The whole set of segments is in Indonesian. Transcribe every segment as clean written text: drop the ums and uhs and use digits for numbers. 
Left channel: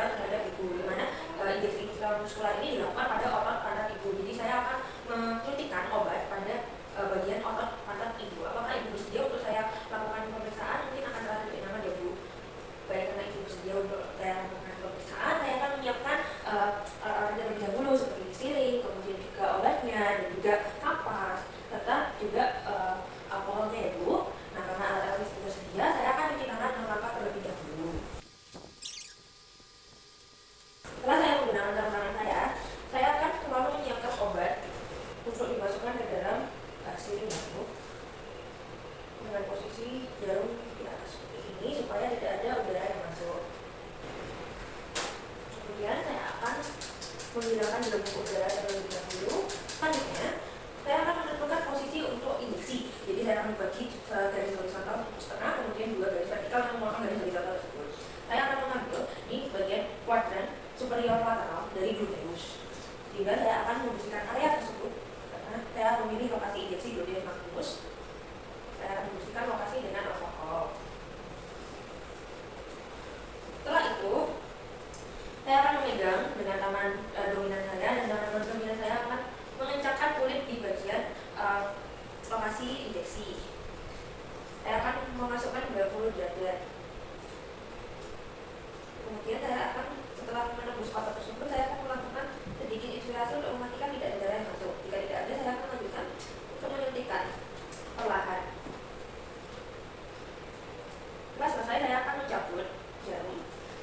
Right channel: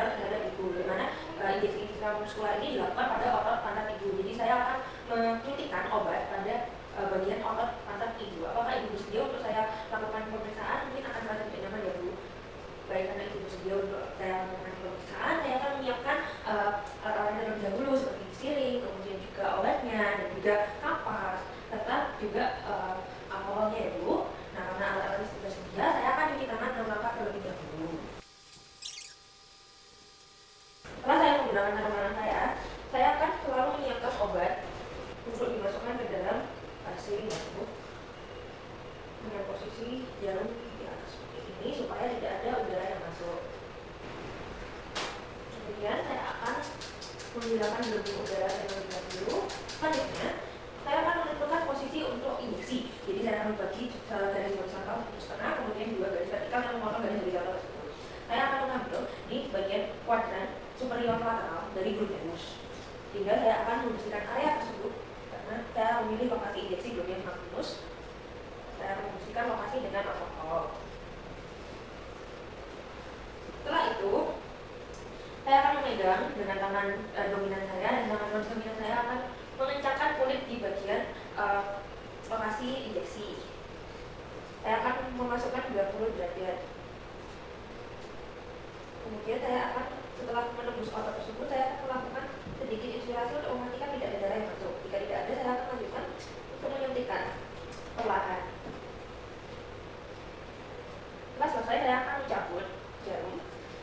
berat terhadap ibu, di mana injeksi intramuskular ini dilakukan pada otot pantat ibu. Jadi saya akan menyuntikkan obat pada bagian otot pantat ibu. Apakah ibu bersedia untuk saya lakukan pemeriksaan? Mungkin akan terasa lebih nyaman ya Bu. Baik, karena ibu bersedia untuk saya lakukan pemeriksaan, saya akan menyiapkan alat-alatnya terlebih dahulu seperti siring, kemudian juga obatnya dan juga kapas, serta juga alkoholnya ya Bu. Nah, karena alat-alat itu tersedia, saya akan cuci tangan 6 langkah terlebih dahulu. Setelah saya menggunakan sarung tangan saya akan selalu menyiapkan obat untuk dimasukkan ke dalam siring ya Bu, dengan posisi jarum di atas seperti ini supaya tidak ada udara yang masuk. Kemudian saya akan menggunakan gelembung udara terlebih dahulu. Selanjutnya saya akan menentukan posisi untuk injeksi. Jadi saya akan membagi garis horizontal 1,5, kemudian 2 garis vertikal yang memotong garis horizontal tersebut. Saya akan mengambil di bagian kuadran superior lateral dari gluteus, sehingga saya akan membersihkan area tersebut karena saya memilih lokasi injeksi gluteus maximus. Saya akan membersihkan lokasi dengan alkohol. Setelah itu saya akan memegang dengan tangan dominan saya, dan tangan dominan saya akan mengencangkan kulit di bagian lokasi injeksi. Saya akan memasukkan 20 derajat. Kemudian saya akan, setelah menembus otot tersebut, saya akan melakukan sedikit inspirasi untuk memastikan tidak ada darah yang masuk. Jika tidak ada, saya akan lanjutkan untuk menyuntikkan perlahan. Setelah selesai, saya akan mencabut jarum.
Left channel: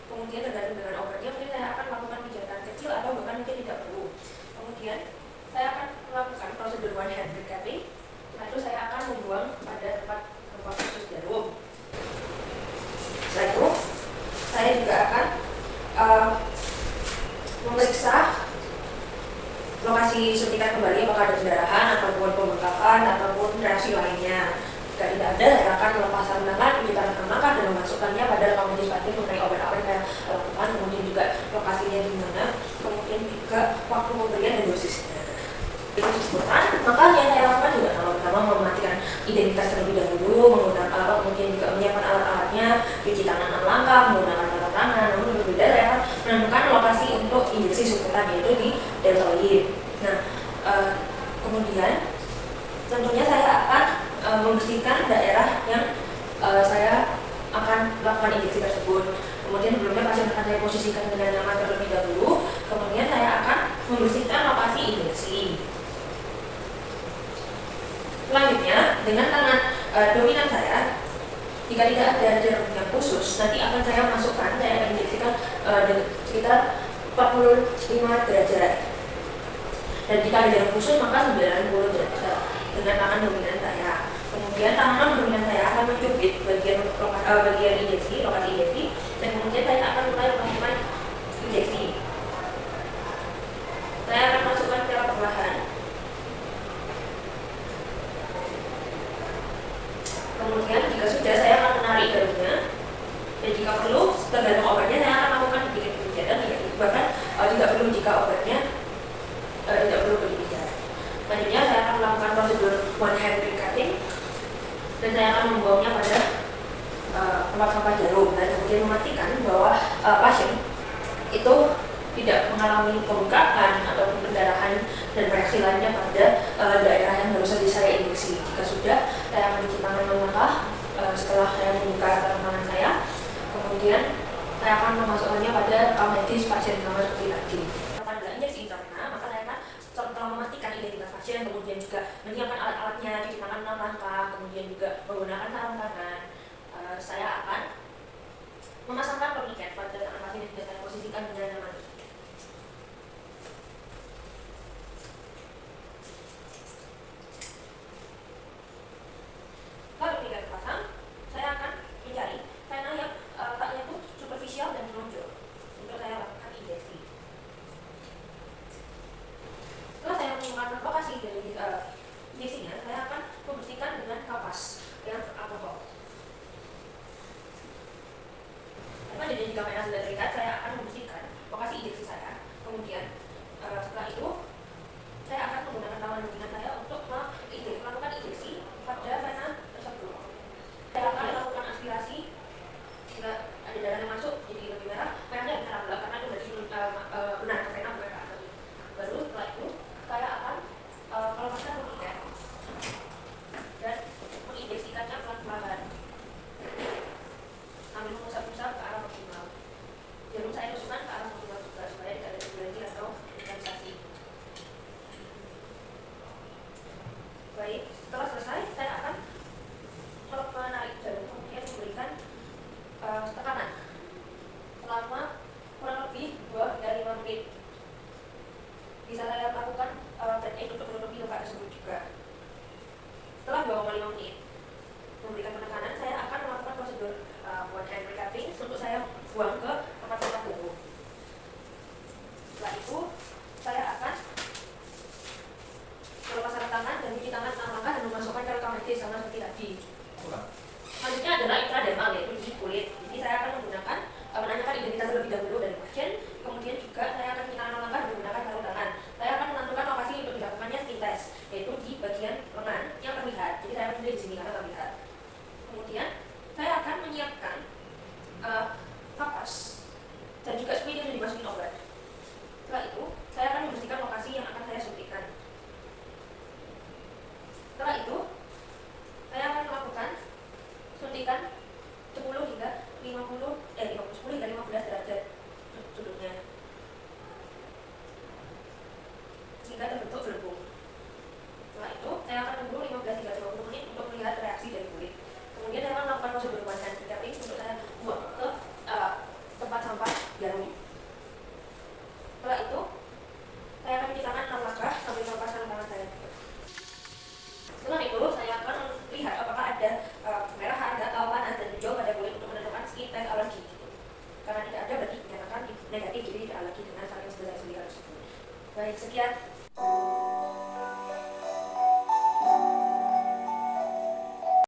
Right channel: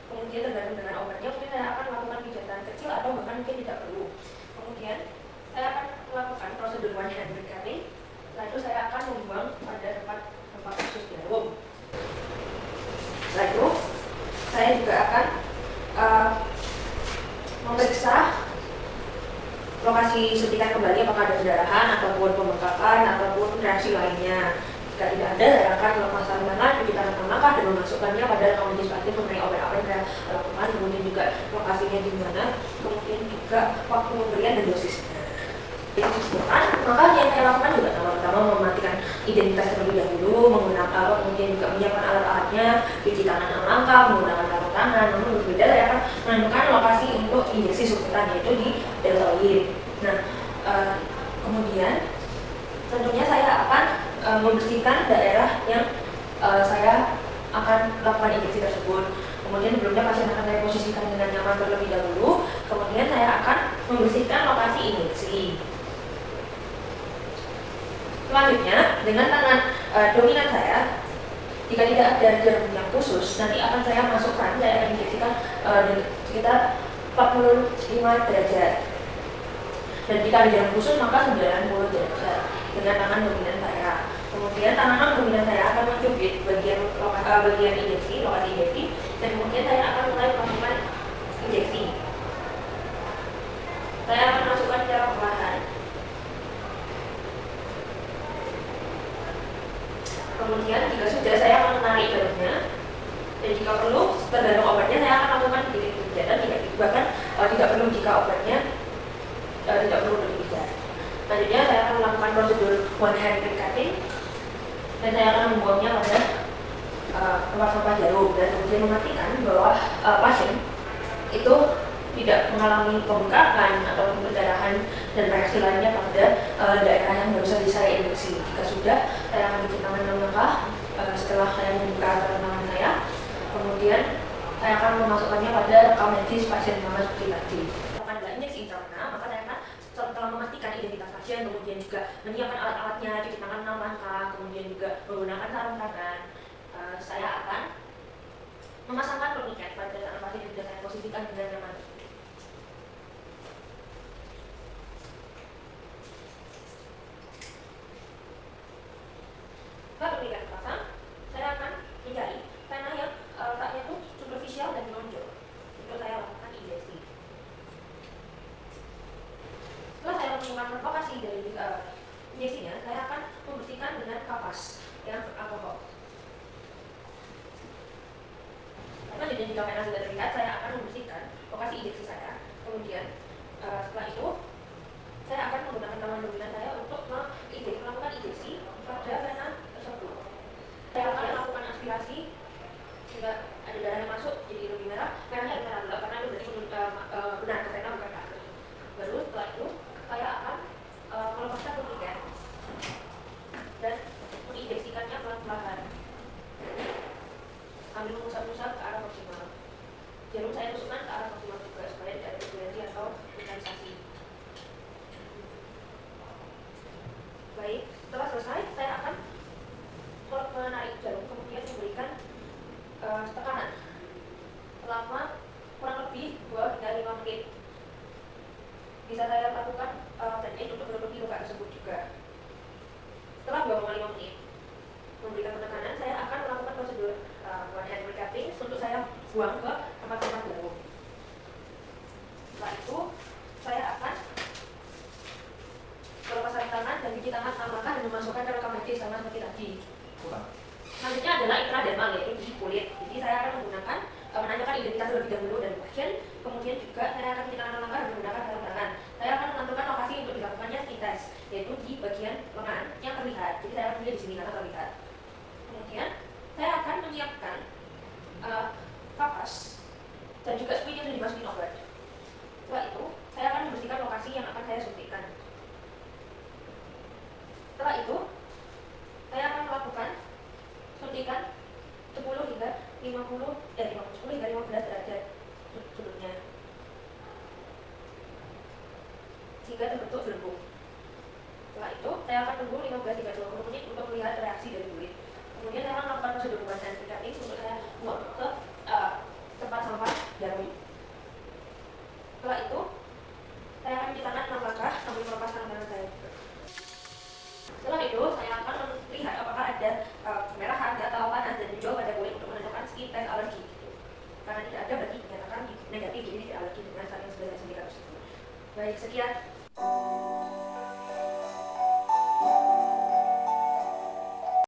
Kemudian tergantung dengan obatnya, mungkin saya akan melakukan pijatan kecil atau bahkan mungkin tidak perlu. Kemudian saya akan melakukan prosedur one hand capping. Setelah itu saya akan membuang pada tempat khusus jarum. Setelah itu saya juga akan memeriksa lokasi suntikan kembali apakah ada pendarahan ataupun pembengkakan ataupun reaksi lainnya. Jika tidak ada, saya akan melepas sarung tangan, cuci tangan 6 langkah dan memasukkannya pada rekam medis pasien mengenai obat apa yang saya lakukan, kemudian juga lokasinya di mana, kemudian juga waktu pemberian dan dosisnya. Itu disebutkan, maka yang saya lakukan juga pertama mematikan identitas terlebih dahulu, menggunakan alat, kemudian juga menyiapkan alat-alatnya, cuci tangan 6 langkah, menggunakan sarung tangan. Namun berbeda, saya akan menentukan lokasi untuk injeksi suntikan, yaitu di deltoid. Nah, kemudian tentunya saya akan membersihkan daerah yang saya akan lakukan injeksi tersebut. Kemudian sebelumnya pasien akan saya posisikan dengan nyaman terlebih dahulu. Kemudian saya akan membersihkan lokasi injeksi. Selanjutnya, dengan tangan dominan saya, jika tidak ada jarum yang khusus, nanti akan saya masukkan, saya akan injeksikan sekitar 45 derajat. Dan jika ada jarum khusus, maka 90 derajat dengan tangan dominan saya. Kemudian tangan non dominan saya akan mencubit bagian injeksi, lokasi injeksi, dan kemudian saya akan mulai melakukan injeksi. Saya akan masukkan secara perlahan. Kemudian jika sudah, saya akan menarik jarumnya, dan jika perlu, tergantung obatnya, saya akan lakukan sedikit pijatan, bahkan tidak perlu jika obatnya tidak perlu dipijat. Selanjutnya saya akan melakukan prosedur one hand cutting, dan saya akan membuangnya pada tempat sampah jarum, dan kemudian memastikan bahwa pasien itu tidak mengalami pembengkakan atau pendarahan dan reaksi lainnya pada daerah yang baru saja saya injeksi. Jika sudah, saya akan cuci tangan 6 langkah setelah saya membuka tangan saya. Kemudian saya akan memasukkannya pada rekam medis pasien sama seperti tadi. Pada injeksi intravena, maka saya akan setelah memastikan identitas pasien, kemudian juga menyiapkan alat-alatnya, cuci tangan 6 langkah, kemudian juga menggunakan sarung tangan. Saya akan memasangkan tourniquet pada tangan pasien yang sudah saya posisikan dengan nyaman. Setelah tourniquet terpasang, saya akan mencari vena yang letaknya itu superficial dan menonjol untuk saya lakukan injeksi. Setelah saya menemukan lokasi dari injeksinya, saya akan membersihkan dengan kapas yang alkohol. Selanjutnya, jika vena sudah terikat, saya akan membersihkan lokasi injeksi saya. Kemudian setelah itu, saya akan menggunakan tangan dominan saya untuk melakukan injeksi pada vena tersebut. Saya akan melakukan aspirasi jika ada darah yang masuk jadi lebih merah, venanya lebih merah karena saya tusukkan ke arah kontur juga supaya tidak ada turbulensi atau kristalisasi. Baik, setelah selesai saya akan menarik jarum, kemudian memberikan tekanan selama kurang lebih 2 hingga 5 menit. Bisa saya lakukan teknik untuk menutupi luka tersebut juga. Setelah 2,5 menit memberikan penekanan, saya akan melakukan prosedur one hand recapping untuk saya buang ke tempat sampah umum. Setelah itu saya akan melepas sarung tangan dan cuci tangan 6 langkah dan memasukkan ke rekaman medis sama seperti tadi. Selanjutnya adalah intradermal, yaitu di kulit. Jadi saya akan menggunakan menanyakan identitas terlebih dahulu dari pasien, kemudian juga saya akan cuci tangan 6 langkah dan menggunakan sarung tangan. Saya akan menentukan lokasi untuk dilakukannya skin test, yaitu di bagian lengan yang terlihat. Jadi saya akan memilih di sini karena terlihat. Kemudian saya akan menyiapkan kapas dan juga spray yang dimasukin obat. Setelah itu saya akan membersihkan lokasi yang akan saya suntikkan. Setelah itu saya akan melakukan suntikan 10 hingga 15 derajat sudutnya sehingga terbentuk gelembung. Setelah itu saya akan tunggu 15 hingga 20 menit untuk melihat reaksi dari kulit. Kemudian saya akan melakukan prosedur one hand recapping untuk saya buang ke tempat sampah jarum. Setelah itu saya akan cuci tangan 6 langkah sambil melepas tangan saya. Setelah itu saya akan melihat apakah ada kemerahan atau panas dan hijau pada kulit untuk menentukan skin test alergi gitu. Karena tidak ada berarti dinyatakan negatif, jadi tidak alergi dengan saat yang sudah saya sebutkan tersebut. Baik, sekian.